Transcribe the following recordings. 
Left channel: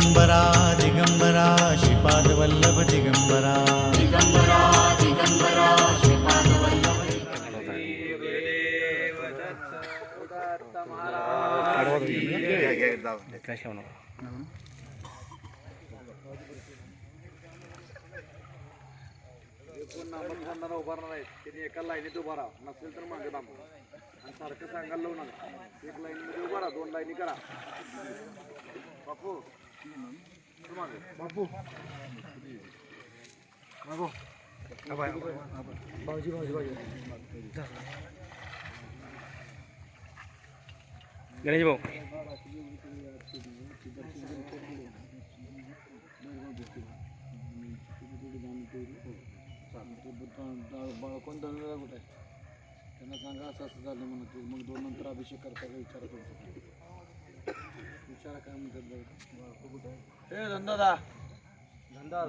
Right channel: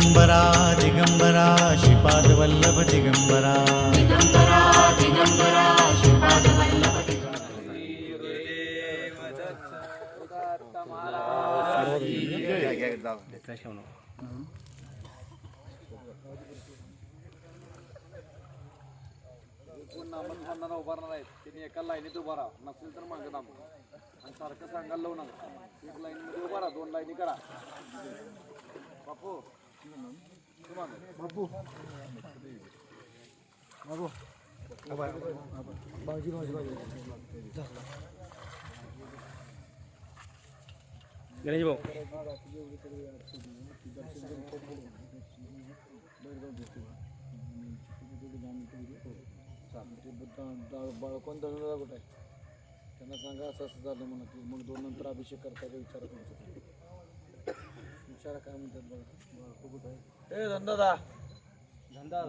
दिगंबरा दिगंबरा श्रीपादवल्लभ दिगंबरा। उभारणार आहेत त्यांनी एका लाईनीत उभा राहा नसेल तर मागे थांबा आणि सारखं सांगायला लावू नका एक लाईनमध्ये उभा राहा दोन लाईनी करा. बापू. बापू. बापू. भाऊजी भाऊजी भाऊजी. गणेश भाऊ बाळकोण दळलेला कुठे आहे? त्यांना सांगा असं असं झालं म्हणत मग दोन नंतर अभिषेक करता विचारा तुमचं विचारा काय म्हणतात बघा? ए धंदा दा धंदा?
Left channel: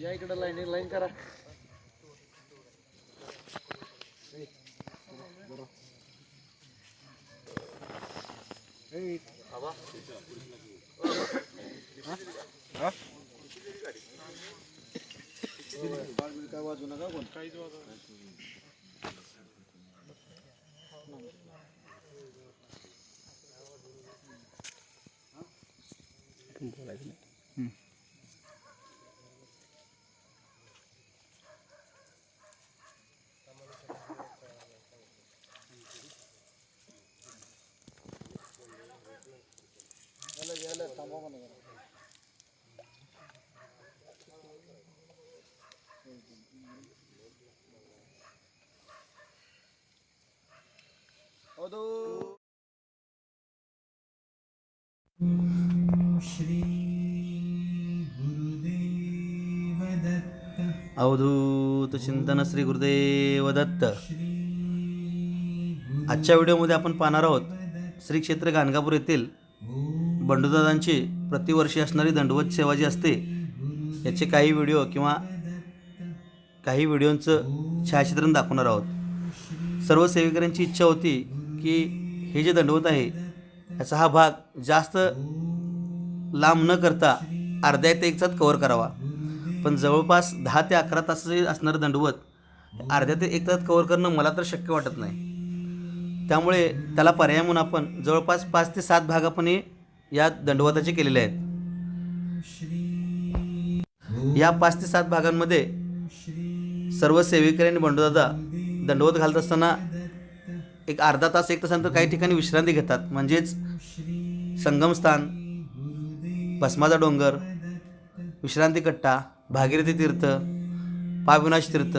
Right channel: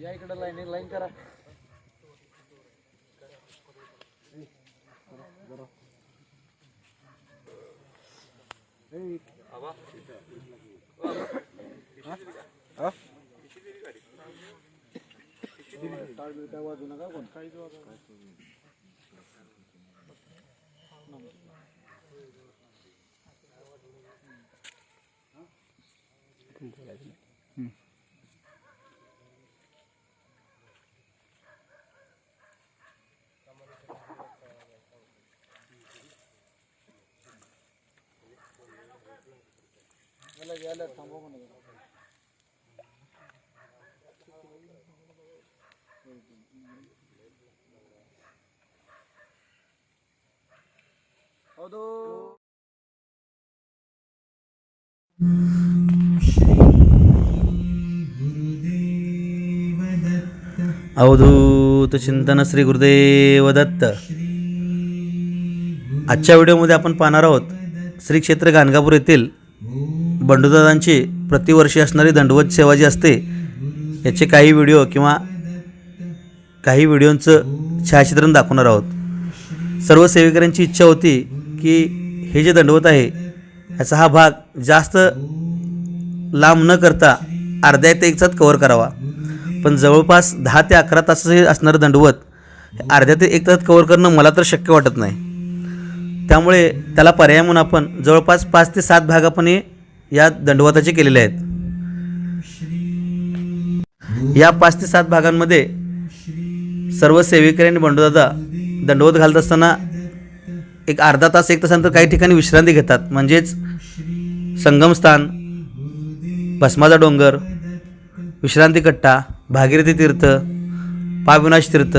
या इकडे लाईन लाईन करा. काय वाजू नका कोण काहीच याला याला थांबवा म्हणा. अवधूत चिंतन श्री गुरुदेव दत्त आजच्या व्हिडिओमध्ये आपण पाहणार आहोत श्री क्षेत्र गाणगापूर येथील बंडूदादांची प्रतिवर्षी असणारी दंडवत सेवा जी असते याचे काही व्हिडिओ किंवा काही व्हिडिओंचं छायाचित्रण दाखवणार आहोत. सर्व सेवेकऱ्यांची इच्छा होती की हे जे दंडवत आहे याचा हा भाग जास्त लांब न करता अर्ध्या ते एक तासात कवर करावा. पण जवळपास दहा ते अकरा तासाचे असणारं दंडवत हे अर्ध्या ते एक तासात कवर करणं मला तर शक्य वाटत नाही. त्यामुळे त्याला पर्याय म्हणून आपण जवळपास पाच ते सात भाग आपण या दंडवताचे केलेले आहेत. या पाच ते सात भागांमध्ये सर्व सेविकरी आणि बंडूदादा दंडवत घालत असताना एक अर्धा तास एक तासानंतर काही ठिकाणी विश्रांती घेतात. म्हणजेच संगमस्थान भस्माचा डोंगर विश्रांती कट्टा भागीरथी तीर्थ पाविनाश तीर्थ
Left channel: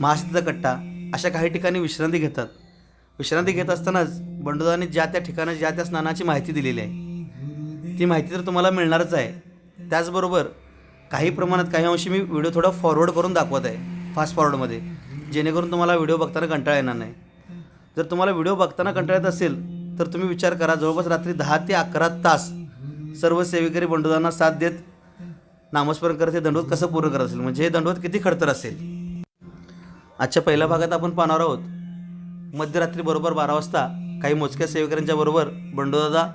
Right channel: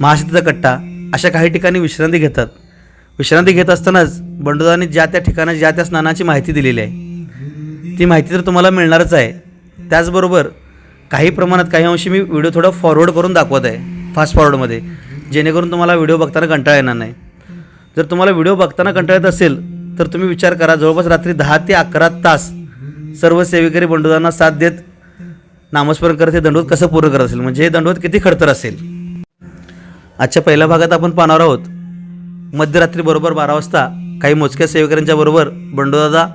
महाशतीचा कट्टा अशा काही ठिकाणी विश्रांती घेतात. विश्रांती घेत असतानाच बंडोदाने ज्या त्या ठिकाणी ज्या त्या स्नानाची माहिती दिलेली आहे ती माहिती तर तुम्हाला मिळणारच आहे. त्याचबरोबर काही प्रमाणात काही अंशी मी व्हिडिओ थोडा फॉरवर्ड करून दाखवत आहे फास्ट फॉरवर्डमध्ये जेणेकरून तुम्हाला व्हिडिओ बघताना कंटाळा येणार नाही. जर तुम्हाला व्हिडिओ बघताना कंटाळा येत असेल तर तुम्ही विचार करा जवळपास रात्री दहा ते अकरा तास सर्व सेवेकरी बंडोदांना साथ देत नामस्मरण करत हे दंडवत कसं पूर्ण करत असेल? म्हणजे हे दंडवत किती खडतर असेल? आजच्या पहिल्या भागात आपण पाहणार आहोत मध्यरात्री बरोबर बारा वाजता काही मोजक्या सेवेकऱ्यांच्या बरोबर बंडोदादा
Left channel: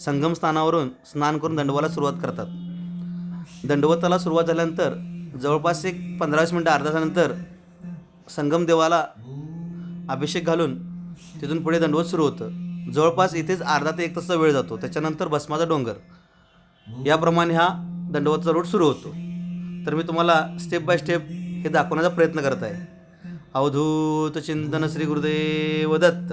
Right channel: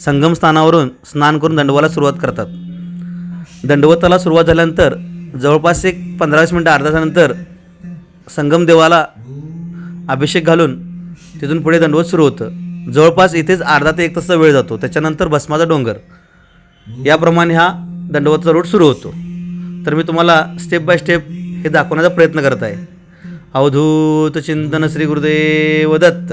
संगम स्थानावरून स्नान करून दंडवाला सुरुवात करतात. दंडवताला सुरुवात झाल्यानंतर जवळपास एक पंधरा वीस मिनटं अर्धा तासानंतर संगमदेवाला अभिषेक घालून तिथून पुढे दंडवत सुरू होतं. जवळपास इथेच अर्धा ते एक तासचा वेळ जातो. त्याच्यानंतर भस्माचा डोंगर. याप्रमाणे हा दंडवतचा रूट सुरू होतो. तर मी तुम्हाला स्टेप बाय स्टेप हे दाखवण्याचा प्रयत्न करत आहे. अवधूत चिंतन Shri Gurudev Datta.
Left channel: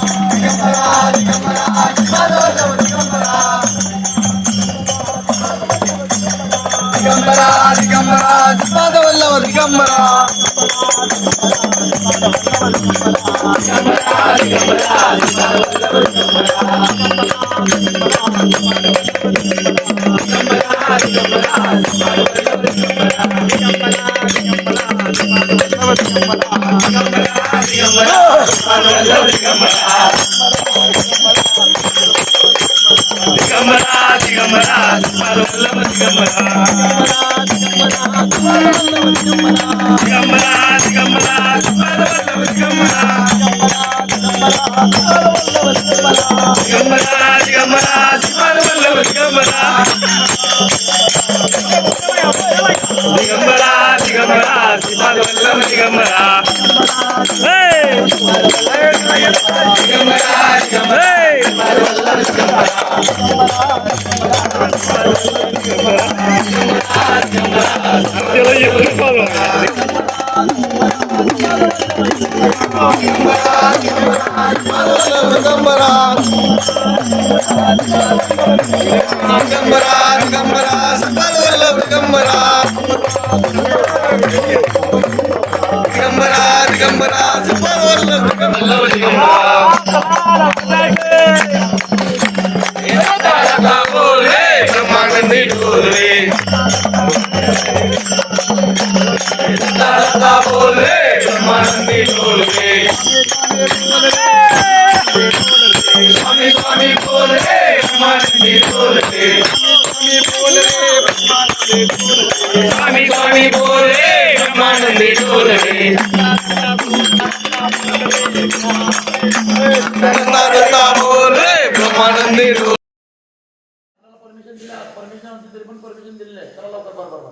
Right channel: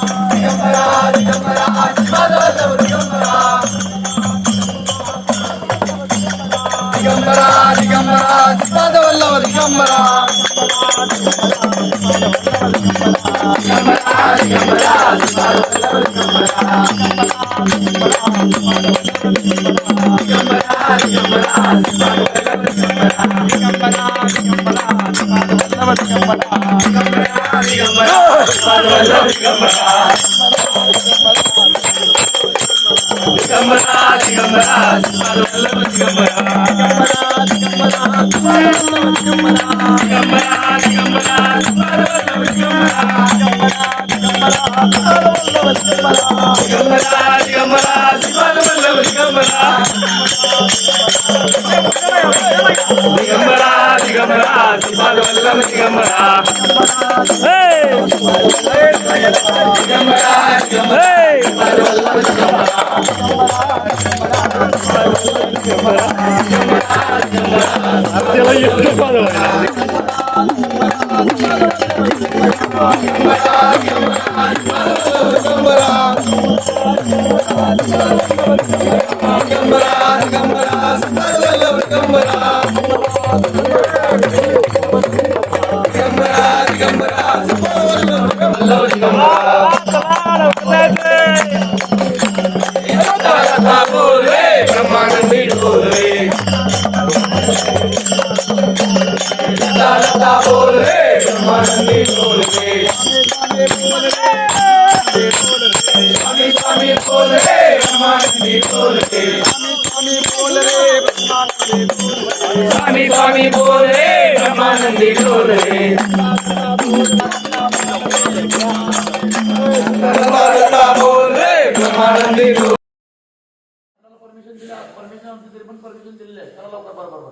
Come on, come on. Digambara Digambara Digambara Digambara Thank you. Gambara, Gambara, Gambara, Gambara, Shripad Vallabh Digambara हे! हे! आपल्याला एकच पाहिलं. स्वामी स्वामी बोल रे ब्रह्मानंदी डोल रे दत्ता दत्ता बोल रे ब्रह्मानंदी डोल परमिशन दिली परमिशन असते तरी पण परमिशन दिलेलं आहे चला लवकर बरोबर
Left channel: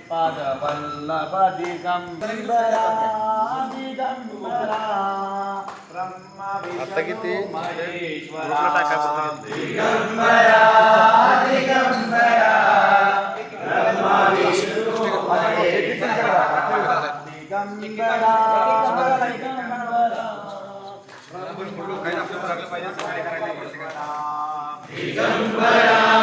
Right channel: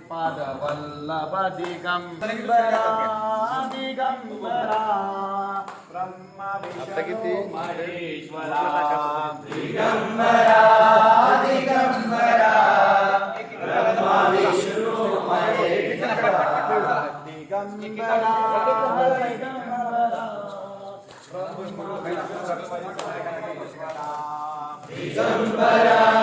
శంకరాద్రిపాదవల్లభ దిగంబరా దిగంబరా బ్రహ్మ విష్ణు మహేశ్వరా దిగంబరా దిగంబరా బ్రహ్మ విష్ణు మహేశ్వరా దిగంబరా దిగంబరా దిగంబరా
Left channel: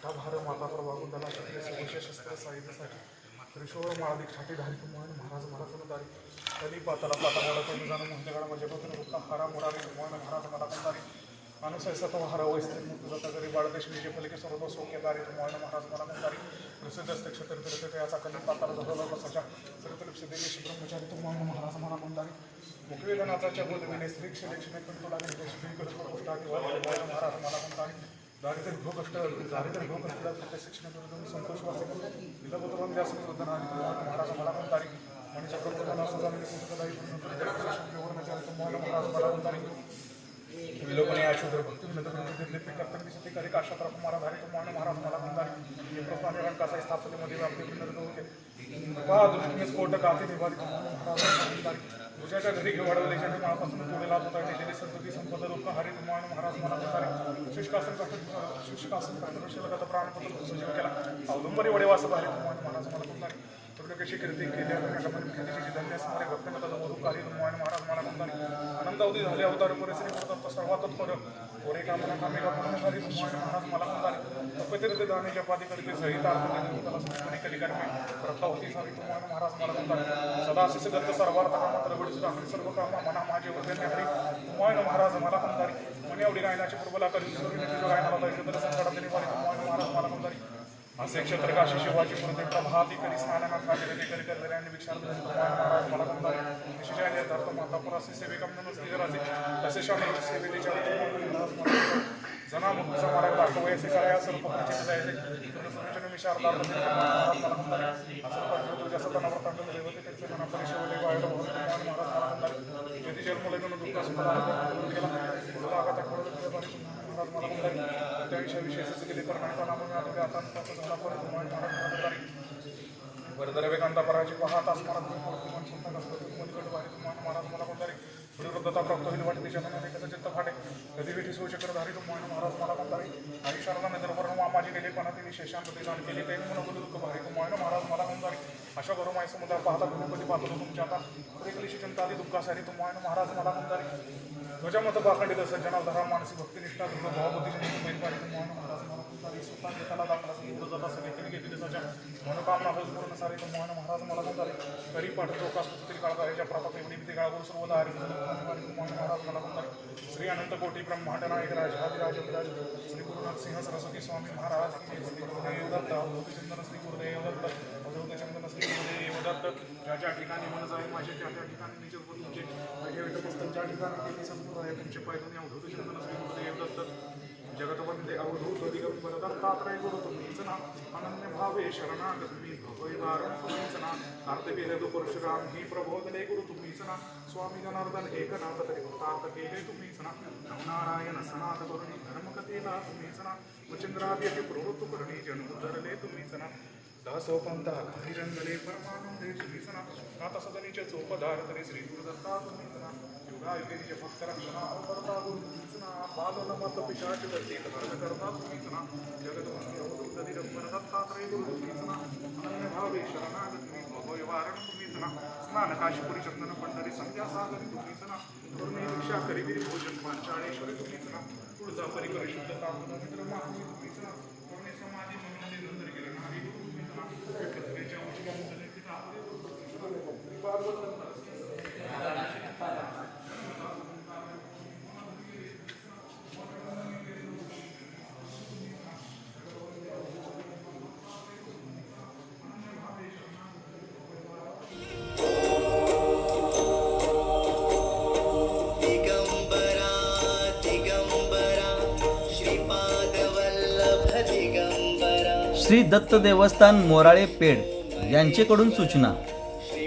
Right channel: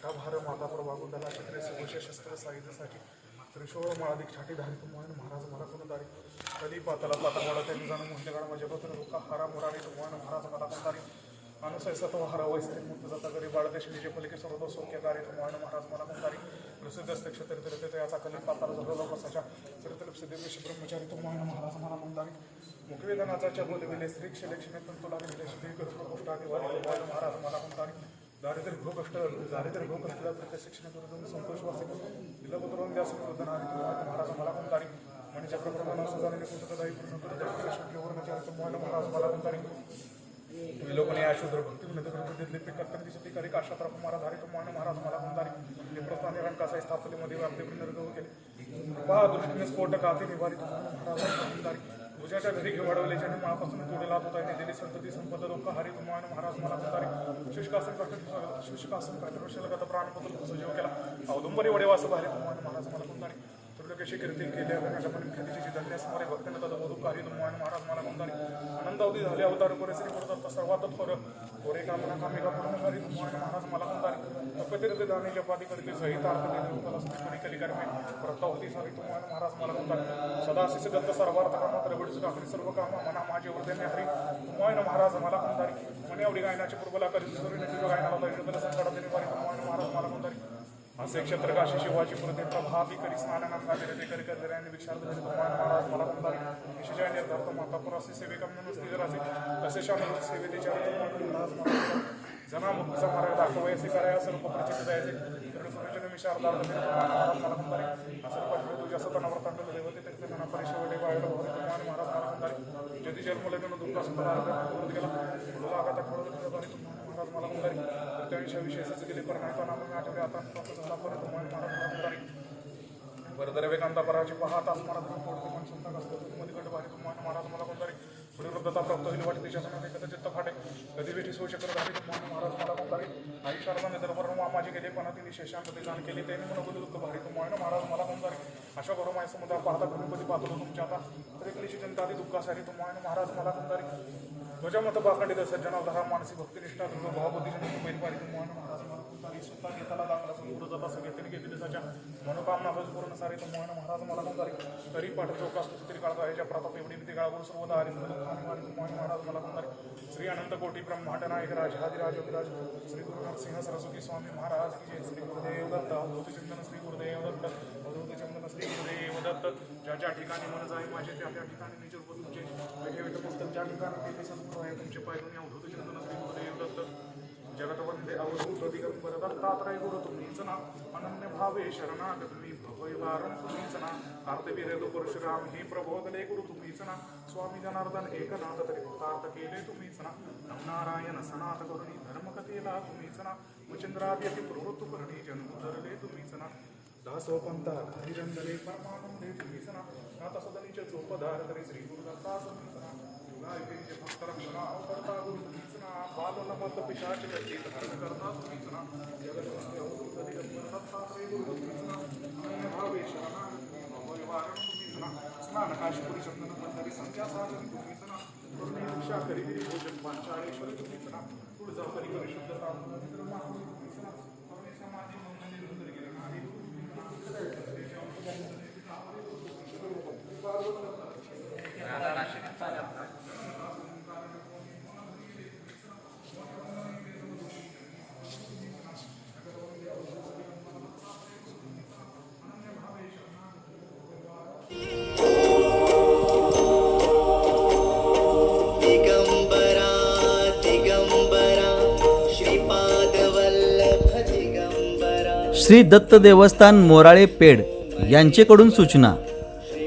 जटाभार माता प्रभागुंडला क्षत्रिय वैश्य शस्त्र साहित्यासाठी त्रिशोर माळाधिक छाटी धारित मोहन महाराज मला कोणतारी कली पाताला पाता मोडा त्यांनी जाणून म्हणजे काळा माझ्या पत्र रुका हारा मोरावी मोहन महाराज मला कोणतारी अनुसय सत्व हारा वैस्त्री मुक्त जाता करी बाळदेश विजय फलिके सर्व सोक्य दारी मोहन महाराज मला कोणतारी प्रसिद्ध असते क्षेत्र तिरते याचा कली पाताला झरवला प्रसाच्या चरित्रलिप्स देवेश ब्रह्मचारी तो मोहन महाराज मला कोणतारी मुखवेदनाचा बोलविले स्त्री क्षलेक्षणे पण तुला श्री करत गोष्ट मोहन महाराज मला कोणतारी दारिद्र्य भोग दारिद्र्य भोग कष्टला प्रत्येक शिक्षण संतोष वासे दिलबुद्रवन व्यास महाराज मला पण तारीख मणिचक्र प्रधान असं झालेले पुस्तकदायी मोहन महाराज मला पण तारीख विलोकने अशुद्र भक्ती दिले दिसते करी काशात्रा कुमारा धारी तुम्हाला महाराज मला कुंदारी कसा स्थापनेमध्ये व्यापते विनंत होते. पहा दृष्टीने स्फोट काके निवारी महाराज कुंदारी ज्याच्या घरी घेऊ वाढवल्याच्या माळापासून पुढे लाभ होता दिलेली संतती संपद रोग हरी मान महाराज मला कुंदारी शुष्कासन कट शुष्कासन कट प्राणपत्र सजीव केला. अवलंबरी वडेवास भारी मान महाराज मला कुंदारी तुला कशी कीर्ती केली आपण कीर्तीची धन्य महाराज मला कुंदारी आनंद अवधी झाले अवतार परिसरी पडतात सर्वातच पर गोरे कामना कामे का पूर्ण? झाली तुम्हाला महाराज मला कुंदारी तपतीर ते दाने जपादी करीते सहित आरती कला सुस्मरी कली प्रथा होती सारी तुम्हाला महाराज मला कुंदारी सदा शिष दत्त सर्वार्थ कामात रगडीची दाखली सर्व कामा मना माझे वर्धने हरी तुम्हाला महाराज मला कुंदारी मने एवढी गायनाची पूर्वला करी गायनाला होता इतर संकटात निवारी तुम्हाला महाराज मला कुंदारी असे क्षेत्रकाशी शिवाजी पुरते प्रभाती स्नानानाथ राजे ते करी करले महाराज मला कुंदारी विशेष सेविका म्हणून तसे शाळे सेवेच्या जना मुक्तीचा मार्ग दाखवायचे कराया सर्व प्रचित जायचे पूर्ण निमिषार्धार्थ महाराज मला कुंदारी असं पाठवलं तुझ्या सतना व्रतांत देवते त्याचे मना परिशेवले वायला भवन महाराज मला दुःख केला. महाराज मला कुंदारी त्याविषयी विशेषच नाही करण्याचा नाम आठवले आता झाला पण तुम्हाला महाराज मला कुंदारी वरदर वेकांता पराची पाहत अस्मारात मन चिंता कसतो मधीकट भारी तुम्हाला महाराज मला कोणतरी परिवृद्धता प्राप्त होईल वाटते त्याच्यात कदा चित्त फाटे कधी भेटी सो चक्र धारी तुम्हाला महाराज मला कोणतरी आयुष्याला निद्रभर मामाजी गेले पण तिने शेषांत ते दान केले. त्यांनी म्हणून गुरु दुःख भारी. तुम्हाला महाराज मला कोणतरी अशा करून माझ्या समुद्र पाहता गणपती पाहतो तुमच्या आता? प्रत्येकलीशी चिंता आधी दुःखासाठी तुम्हाला महाराज मला कोणतरी ध्वजा मत बाखंडित सज्जनावधारा मानसी भक्तिनिष्ठा दृढ भावबुद्धीची बैलपाडी मोहन महाराज मला स्वतः घेताला दाखला पुढे जाता घेतली घेतले त्याच्या मनोकामना हज पूर्ण सारे तुम्हाला महाराज मला कोणतरी तरी पाठ चौकास तरी काळ याच्या प्रताप एवढी भीती काळगुण सर्व दारी मोहन महाराज मला कोणतरी श्री अनंत कोटी ब्रह्मांड नायक राज आदिराज विराज श्री गुरुनाथ सिंह सरस्वती स्वामी महाराज श्री गुरुदेव दत्त भूतचिंतन श्री गुरुदेव दत्त. गुरुदेव दत्त ज्या ज्या ठिकाणी मन जाईल माझे त्या त्या ठिकाणी मी निज तुमचे. बैठे पुस्तक ज्या ठिकाणी केली सद्गुरू आहे तुमचे पायरून अवधूत चिंतन श्री गुरुदेव दत्त जगतवंदे अवधूत दिगंबर दत्तात्रय गुरु तुम्हीच ना अनन्य भावे शरणागत मी भवैवारं तुम्हीच ना कार्तवीर्य परशुराम ही प्रबोधले गुरु तुम्हीच ना स्वामी जनार्दन एकनाथ तरी कृतार्थ केले तुम्हीच ना नारायण सनाथ करुणी धर्मकथेला तुम्हीच ना मचिंद्राद्य प्रवृत्त करणी जन्म धरले तुम्हीच ना दासो पंथा हरिरंगले परमानंदे तुम्हीच ना सदनीचे तरी श्री गुरुदत्ता तुम्हीच ना युगायुगीचे भक्तरक्षणा अवकर्ता बालनमत पिशाच दैते कर्मा तुम्हीच ना जगतवंती अवधूत दत्तात्रय ना भावे शरणागत भवय वारण तुम्हीच स्नान काशीपुरी चंदन पंढरी संध्या सागरी तुम्हीच ना करुणे दीक्षा करिगिरी भोजन पांचाळेश्वरी तुम्हीच ना तुळजा परिकर शुद्धता मित्र मागणी ना करुणे समाधी म्हणून निरंतर गेला नारी गुरु तुम्हीच ना एकत्रेच्या दिगंबरा दिगंबरा श्रीपादवल्लभ दिगंबरा श्री दत्त देवस्थान मोराळे पेड यांचेकडून सूचना.